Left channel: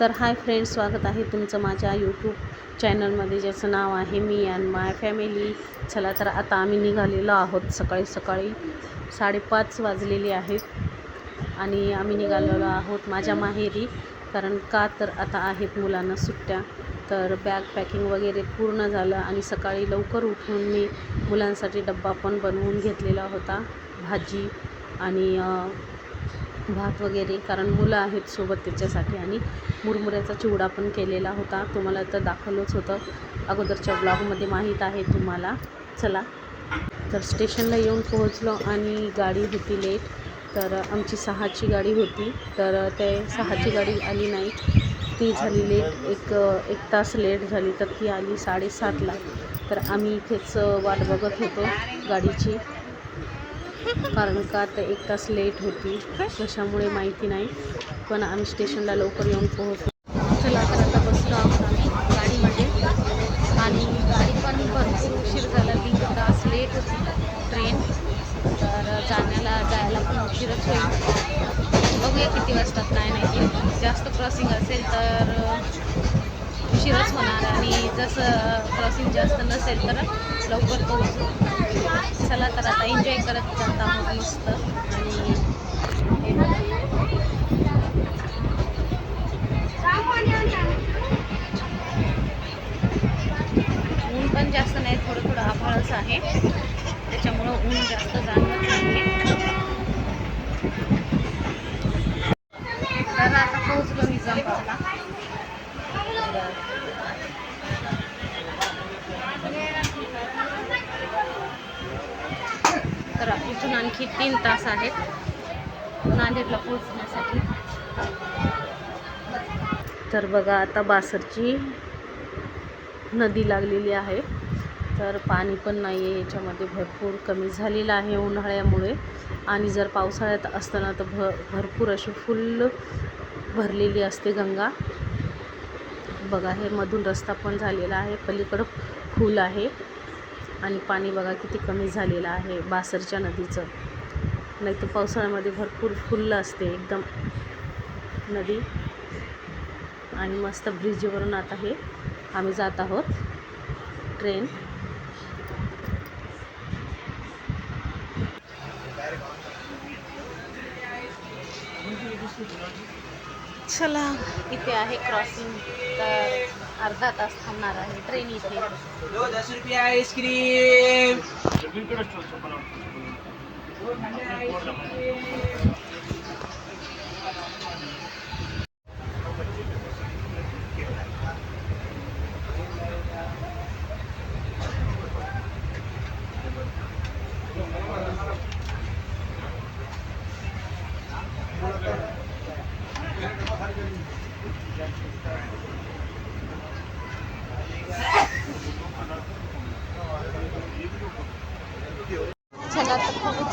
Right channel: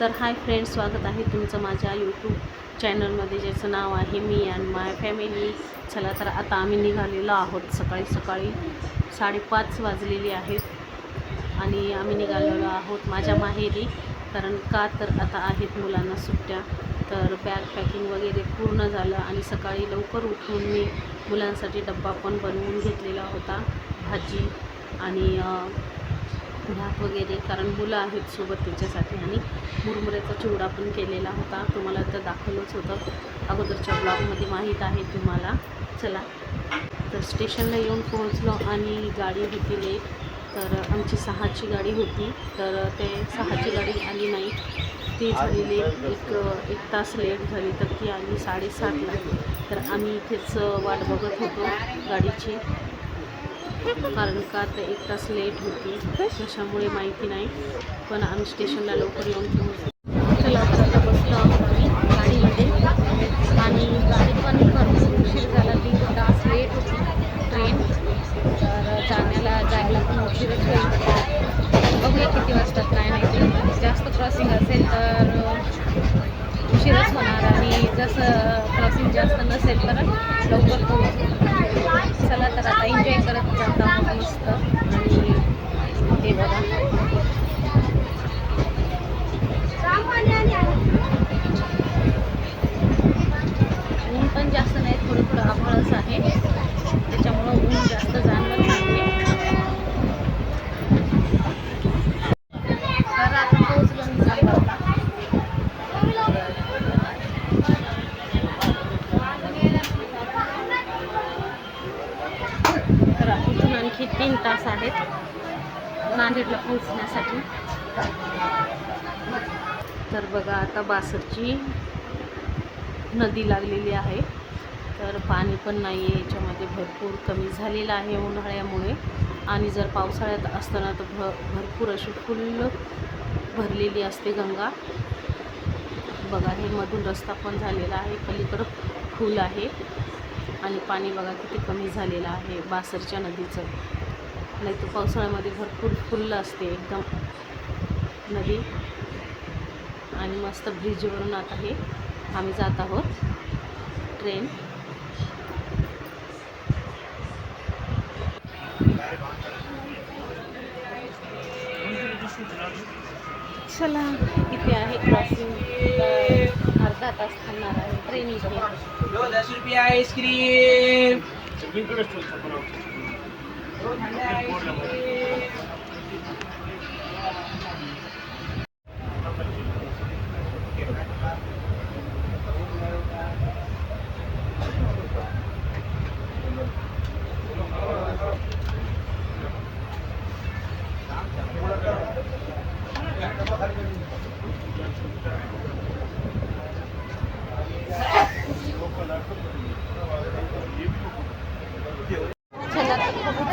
तर hi friends स्वागत आहे तुमचं माझ्या यूट्यूब चॅनलमध्ये ज्याचं नाव आहे मी अँड माय फॅमिली. चला तर आता आम्ही निघालेलो आहोत सकाळी सकाळी. साडेपाच वाजलेली आहेत आणि आम्ही निघालेलो आहोत माझ्या माहेरी कारण का तर आता आहेत मुलांना सुट्ट्या. तर बॅग पॅकिंग वगैरे पूर्ण झालं आणि सकाळी लवकर उठून मी मुलांसाठी डब्बा पण बनवून घेतलेला होता भाजी आणि भात वगैरे कारण मुलं आहेत सोबत त्याच्यासाठी आणि मुरमुऱ्याचा चिवडा पण केलेला होता. तुम्हाला तर दाखवलंच होतं. अगोदरच्या ब्लॉगमध्ये माहीत आहे तुम्हाला. चला. तर स्टेशनला येऊन पोहोचलो आणि गाडी होती लेट. तर आमची सहाची गाडी होती. तर ते सहाची गाडी आली नाही. ती झाली लेट. एक एक तास लेट झाली तर ती आली साडेसातला. तर आम्ही इथेच वाट बघत होतो गाडीची. कारण का तर एक तास लेट होती. कशामुळे माहिती नाही. पण आम्ही स्टेशनला लवकर येऊन पोहोचलो. चला तर आता बसलो आहोत आम्ही गाडीमध्ये. आणि गाडी पण भरपूर उशीर झाला. तीन तास लेट होती ट्रेन तर जाण्याला जायला पण उशीरच होईल. बघूया किती वाजतात काय नाही ते. जास्त क्रॉसिंग असेल तर उशीरच होणार. आणि जसं क्रॉसिंग जास्त नसेल तर लवकर पोहोचू. तर आता एन्जॉय करत जात आहोत मस्त. आणि ऊन पण जास्त नाही थोडं थोडं आभाळच आहे. त्याच्यामुळं ऊन जास्त जाणवत नाही तर आता पोहोचलो निजामबादला तर इथून आणखी तीन तास आहेत. नांदेडला पोहोचण्यासाठी. तर बघा आता बासरची नदी लागलेली आहे. तर पाणी पण नाही आहे याच्यामध्ये भरपूर कमी झालेलं आहे उन्हाळ्यामुळे. आणि जर पावसाळ्यात असताना तर भ भरपूर अशी फुल भरलेली असते गंगा. बघा हे मधून रस्ता पण झालेला आहे पलीकडं फूल आहे. आणि पाणी बघा किती कमी झालेलं आहे बासरच्या नदीचं. नाही तर पावसाळ्यामध्ये भरपूर फुल्ल असते एकदम नदी. आणि मस्त ब्रिजवरून आता हे आम्ही जात आहोत. ट्रेन चला इथे आहे क्रॉसिंग अर्धा तास थांबणार आहे. ट्रेन इथे. दो दस रुपये आइसक्रीम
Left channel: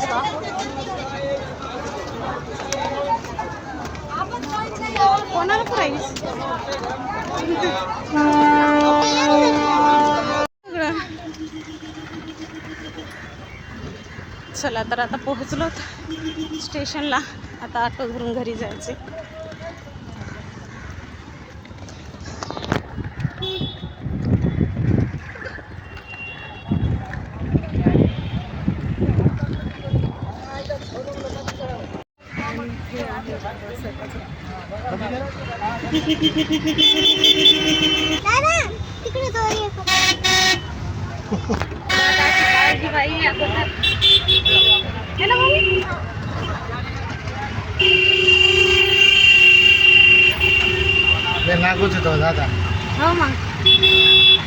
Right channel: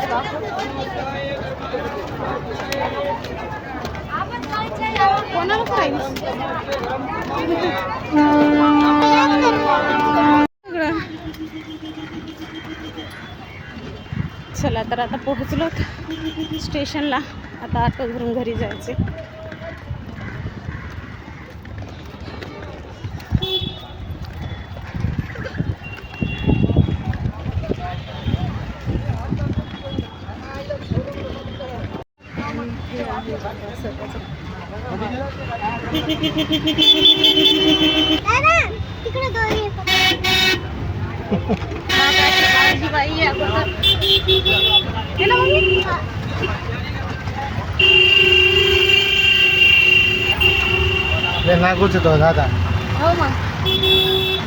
तर कोणाला प्राईस चला तर आता पोहोचलो स्टेशनला. आता ऑटो धरून घरी जायचे आणि हे आहे बाबा सगळ्याचं नागाची होतो दादा. हो मग.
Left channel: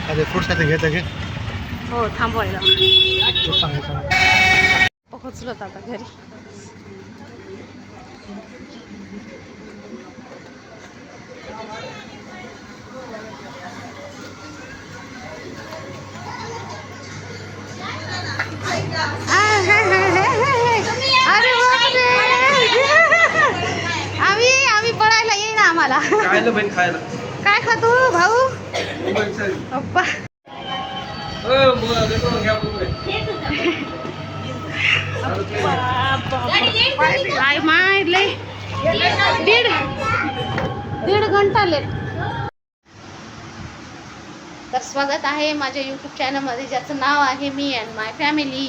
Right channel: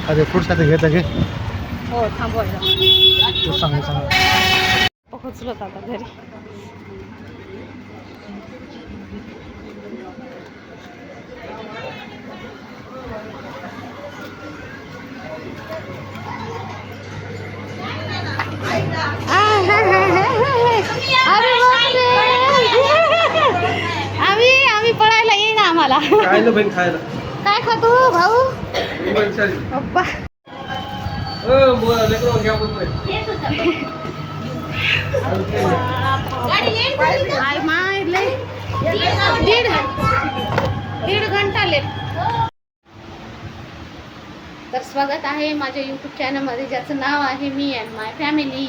अरे पुढच्या घेतं घे हो थांबवायला पोहोचलो आता घरी. अरे बापरे. आम्ही आम्ही पळायला येईन आम्हाला. काय खातो भाऊ? चालेल. अप्पा. हो, दीड दीड घंटा लेट. स्वागत आहे माझ्या यूट्यूब चॅनलमध्ये ज्याचं नाव आहे मी अँड माय फॅमिली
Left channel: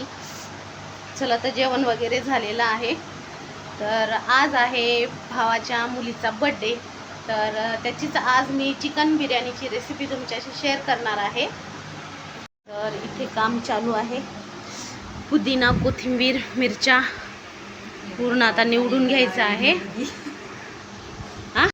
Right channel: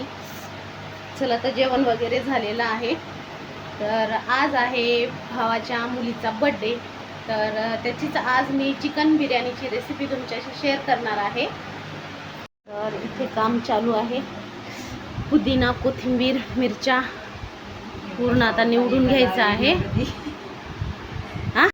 चला तर जेवण वगैरे झालेलं आहे. तर आज आहे भावाच्या मुलीचा बड्डे तर त्याचीच आज मी चिकन बिर्याणीची रेसिपी तुमच्याशी शेअर करणार आहे. तर इथे काम चालू आहे. पुदिना कोथिंबीर मिरच्या पूर्ण आता निवडून घ्यायचं आहे. हा?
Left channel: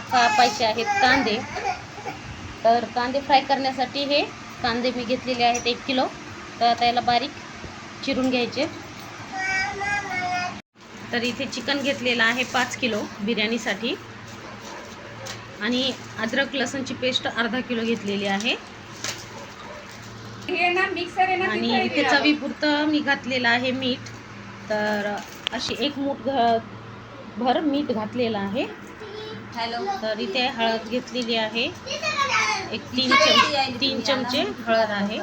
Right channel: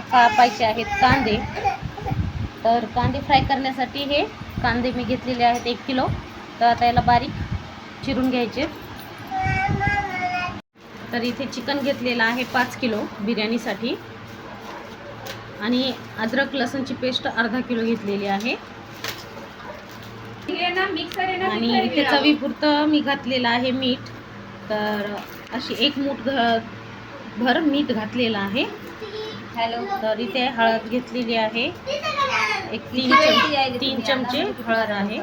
कापायचे आहेत कांदे. तर कांदे फ्राय करण्यासाठी हे कांदे मी घेतलेले आहेत एक किलो. तर आता याला बारीक चिरून घ्यायचे. तर इथे चिकन घेतलेलं आहे पाच किलो बिर्याणीसाठी. आणि अद्रक लसूणची पेस्ट अर्धा किलो घेतलेली आहे. आणि इथे चवीपुरतं मी घातलेलं आहे मीठ. तर अशी एक मूठ घ भर मीठ घातलेलं आहे. हॅलो. तर इथे हळद घेतलेली आहे. एक तीन चम तीन चमचे हळद आहे.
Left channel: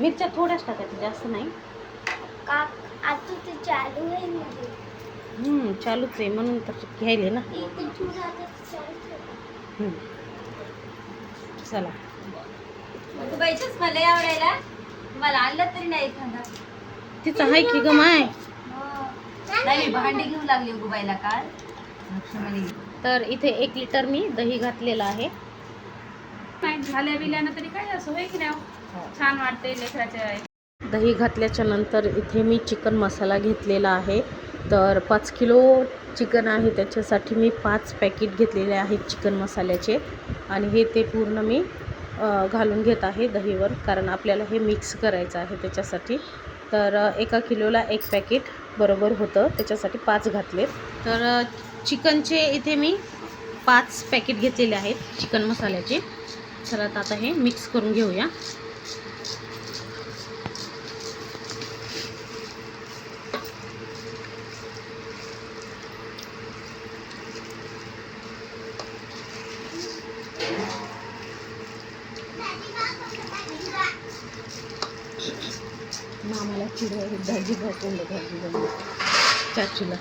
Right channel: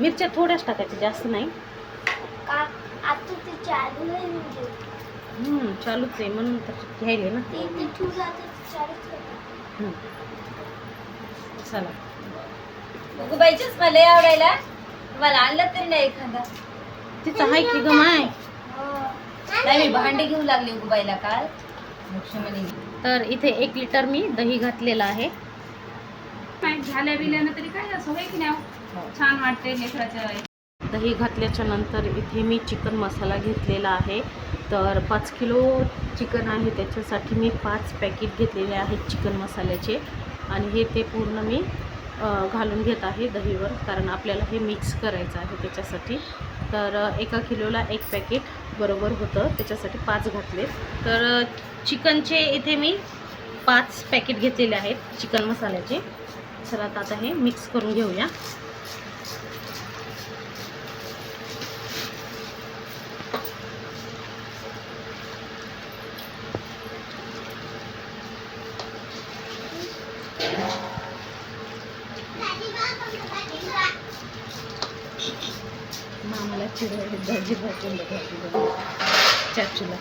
मिरच्या थोड्याच टाकायच्या जास्त नाही. म्हणजे. हम्म, चालूच आहे म्हणून तर घ्यायले ना. चला. गुगुबाईचीच मला आवडायला. मला आणलं तरी नाही एखादा. तिचं आहे की ग माय? नाही मी भांडे घेऊन लागले गुबाईला काल. लक्ष्मणी तर इथे एक लिटर मी दही घातलेलं आहे. झाल्या बिल्यानं तरी काय असं होय की नाही? छान वाटते लेकराच्या दही घातल्याच्या नंतर इथे मी चिकन मसाला घेतलेला आहे. तर पाच किलो चिकन आहे त्याच्यासाठी मी पाच पॅकेट घेतलेले आहेत चिकन मसाल्याचे. आणि हे ते पूर्ण मी घालून घेत आहे दहीवर कारण आपल्याला हे मिक्स करायचं आहे त्याच्यासाठी. तर एका किलोला एक पॅकेट बरोबर होतं. त्याच्यासाठी पाच घातले. तर चिकनचे इथे मी पाच पॅकेट घेतलेले आहेत चिकन मसाल्याचे. तर आता हे मिक्स करून घेऊया. दाजी भाजून चाचूला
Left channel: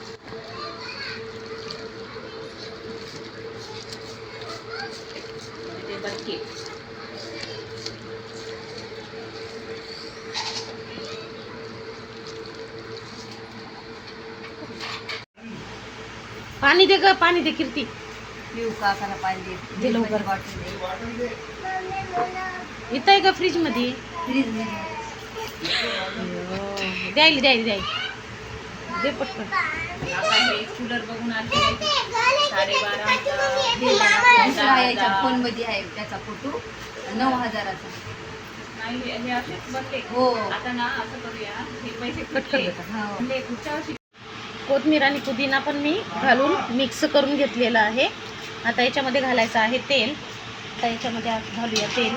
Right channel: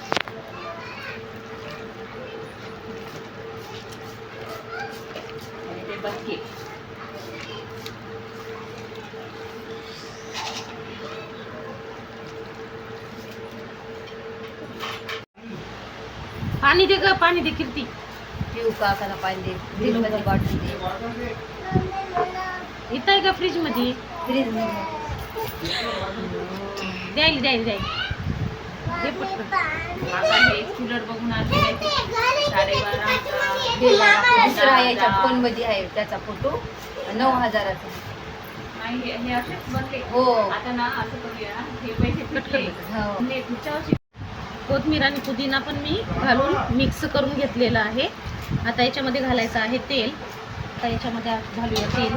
पाणी दे ग पाणी दे कीर्ती पिऊ काकाला पाहिजे दिलमध्ये बॉटल दे इथं आहे का फ्रीजमध्ये फ्रीज मध्ये द्यायला द्यायला द्यायला दे पटकन. आता हे कूलर बघून आले. साडेबारा फोनमध्ये आहे त्याचा फोटो नऊ हजाराचा. नाही हे असेच बनले. आता ना असं करूया. हे पैसे फिटले हो. हे पुढच्या वर्षी कोथमीर आणि पुदिना पण मी घालून मिक्स करून घेतलेलं आहे. आता याच्यामध्ये घालायचं आहे तेल. आता याच्यामध्ये घालूया तेल.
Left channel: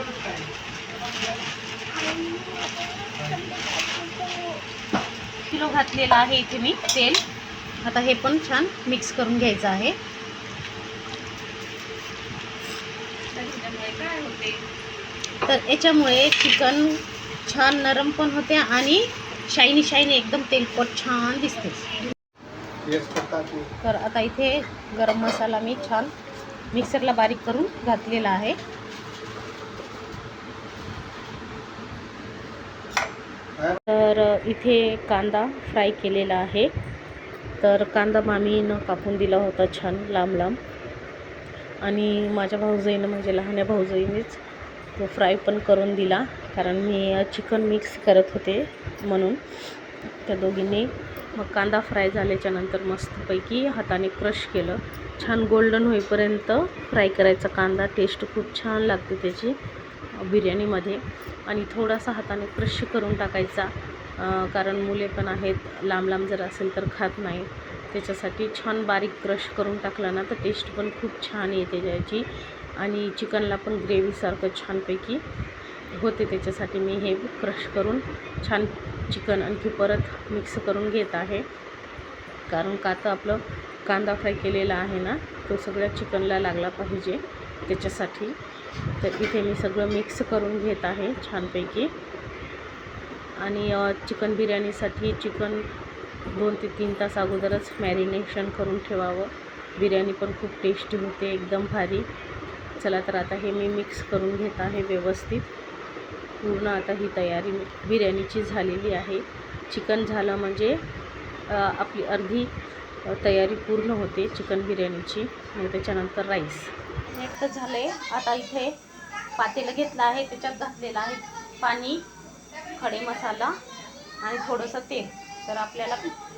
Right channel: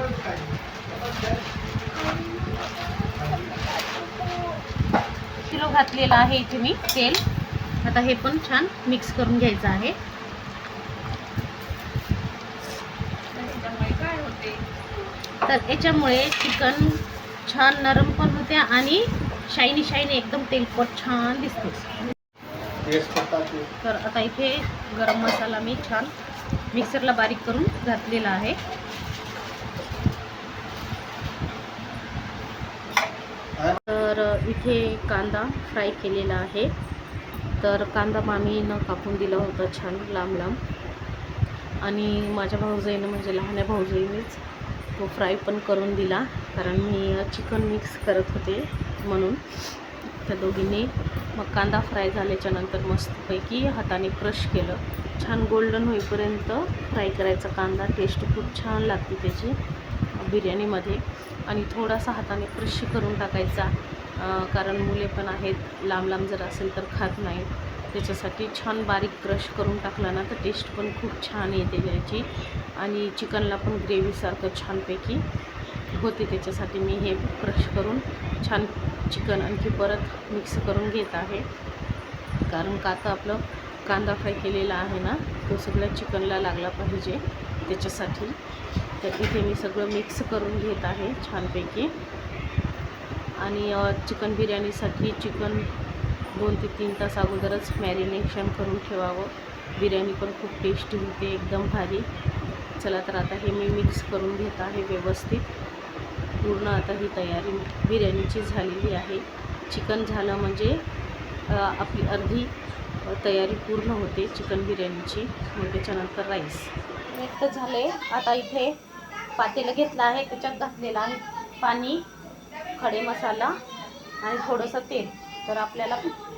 किलो घातलेलं आहे इथे मी तेल. आता हे पण छान मिक्स करून घ्यायचं आहे. त्याच्यामुळे काय होते? तर याच्यामुळे चिकन छान नरम पण होते आणि शायनी शायनी एकदम तेलकट छान दिसते. तर आता इथे गरम मसाला मी छान मिक्सरला बारीक करून घातलेला आहे तर इथे कांदा फ्राय केलेला आहे. तर कांदा मामीनं कापून दिला होता छान लांब लांब आणि माझ्या भाऊजाईनं म्हणजे लहान्या भाऊजाईनेच तो फ्राय पण करून दिला कारण मी चिकन मिक्स करत होते म्हणून त्या दोघींनी. मग कांदा फ्राय झाल्याच्यानंतर मस्तपैकी हाताने क्रश केलं. छान गोल्डन होईपर्यंत फ्राय करायचा कांदा टेस्ट खूप छान लागते त्याची बिर्याणीमध्ये. आणि थोडासा हाताने क्रश करून टाकायचा. कारण मुले पण आहेत. लांब लांब जर असेल तर खात नाही. त्याच्यासाठी छान बारीक क्रश करून टाकला ना तर टेस्ट पण खूप छान येते त्याची. आणि चिकनला पण ग्रेव्हीसारखं छानपैकी होते त्याच्यासाठी मी हे क्रश करून छान चिकन आणखी परत मिक्स करून घेत आहे. कारण का तर आपलं कांदा फ्राय केलेला आहे ना तो सगळ्या चिकनला लागला पाहिजे त्याच्यासाठी. तर इथे मी सगळं मिक्स करून घेत आहे छानपैकी. आणि चिकन बिर्याणीसाठी चिकन दोन ते तीन तास अगोदरच मॅरिनेशन करून ठेवावं. बिर्याणी पण खूप टेस्टी होते एकदम भारी. चला तर आता हे मी मिक्स करून घेत आहे व्यवस्थित. पूर्ण आता ही तयारी बिर्याणीची झालेली आहे. चिकन झालं म्हणजे आपली अर्धी तयारी पूर्ण होते चिकन बिर्याणीची. मग त्याच्यानंतर राईस. एक तर झाले. आता इथे पातेलं घेतलं आहे त्याच्यात घातलेलं आहे पाणी. खडे मसाला आणि थोडंसं तेल. तर आपल्याला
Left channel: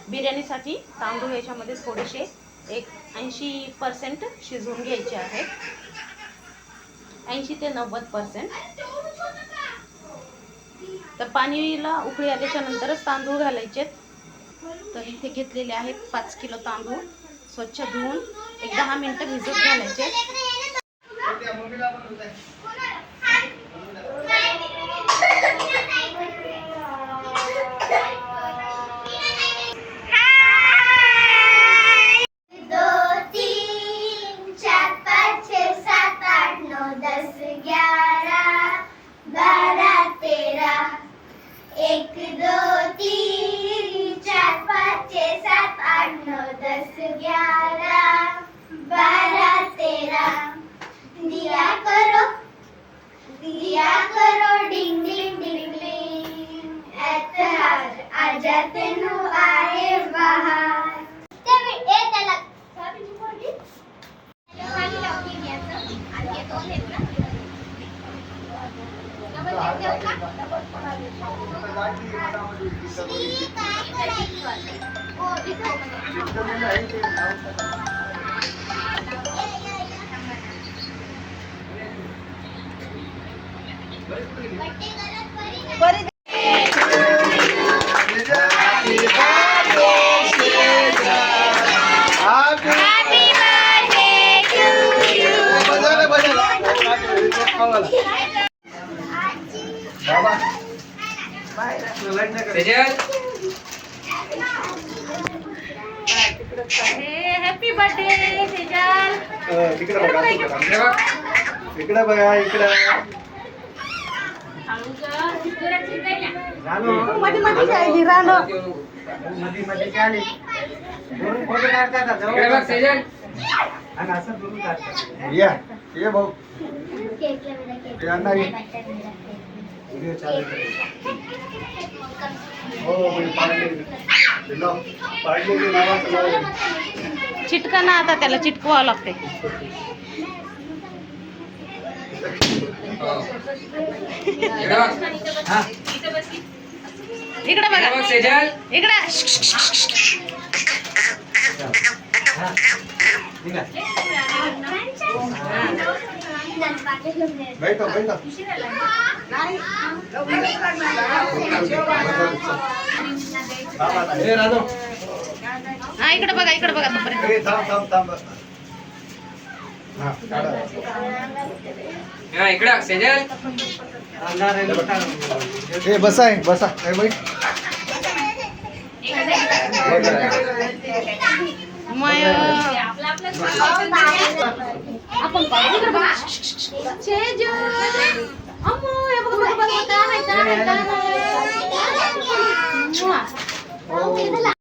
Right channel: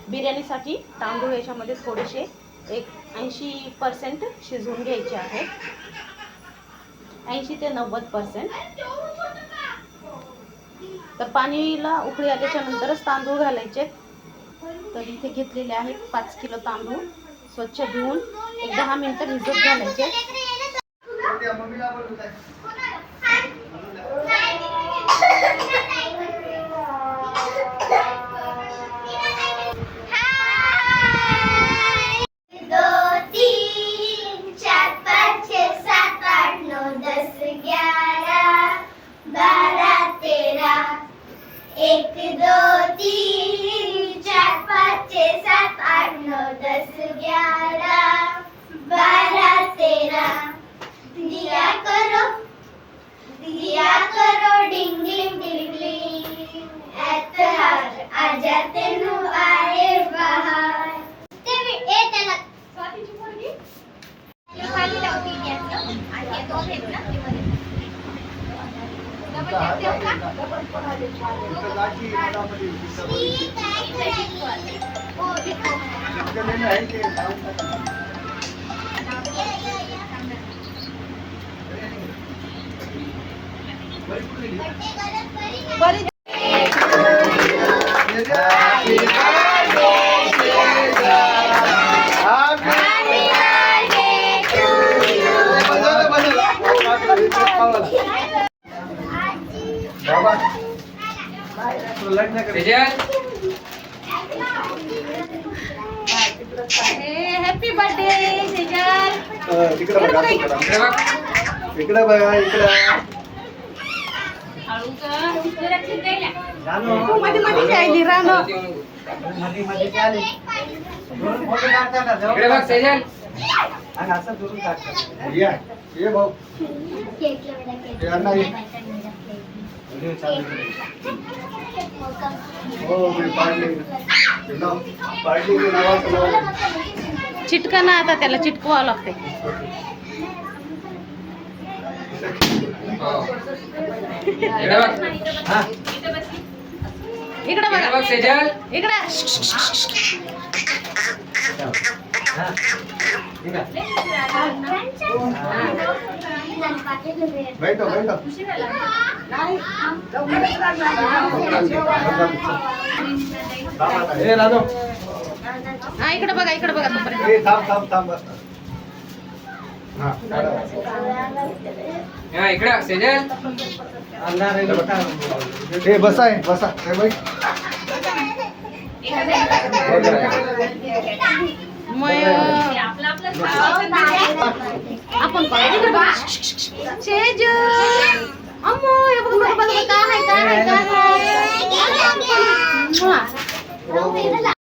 बिर्याणीसाठी तांदूळ याच्यामध्ये थोडेसे एक ऐंशी पर्सेंट शिजवून घ्यायचे आहेत. ऐंशी ते नव्वद पर्सेंट तर पाणीला उकळी आल्याच्या नंतरच तांदूळ घालायचे तर इथे घेतलेले आहेत पाच किलो तांदूळ. स्वच्छ धुवून एक दहा मिनटं भिजत घालायचे बरी हॅपी बर्थडे सेजल इकडे बघा इकडे. बघा इकडे. मध्ये मध्ये खेळली रानो. मध्ये मध्ये काय आले? दोन फोटो काढता का? जाऊ. आणि असं दुरून काढता या ये भाऊ हे अण्णा ये व्हिडिओ चालू आहे. हो मी पाडले हे लाव. पाडलेली नावाचं नाव आहे. चिटका ना आता त्याला चिटकवावं लागते हा. इकडे बघा इकडे हा. ठीक आहे बैठो बैठो. हा इकडे बघा इकडे बघा तोपर्यंत. ए थांब थांब थांब. हा काढा. ए बसा आहे बसा. बाई. मग आपण पाहू. इकडे बघा सेजल अम्मो हे बघा बघा बघा काय आहे काय आहे काय आहे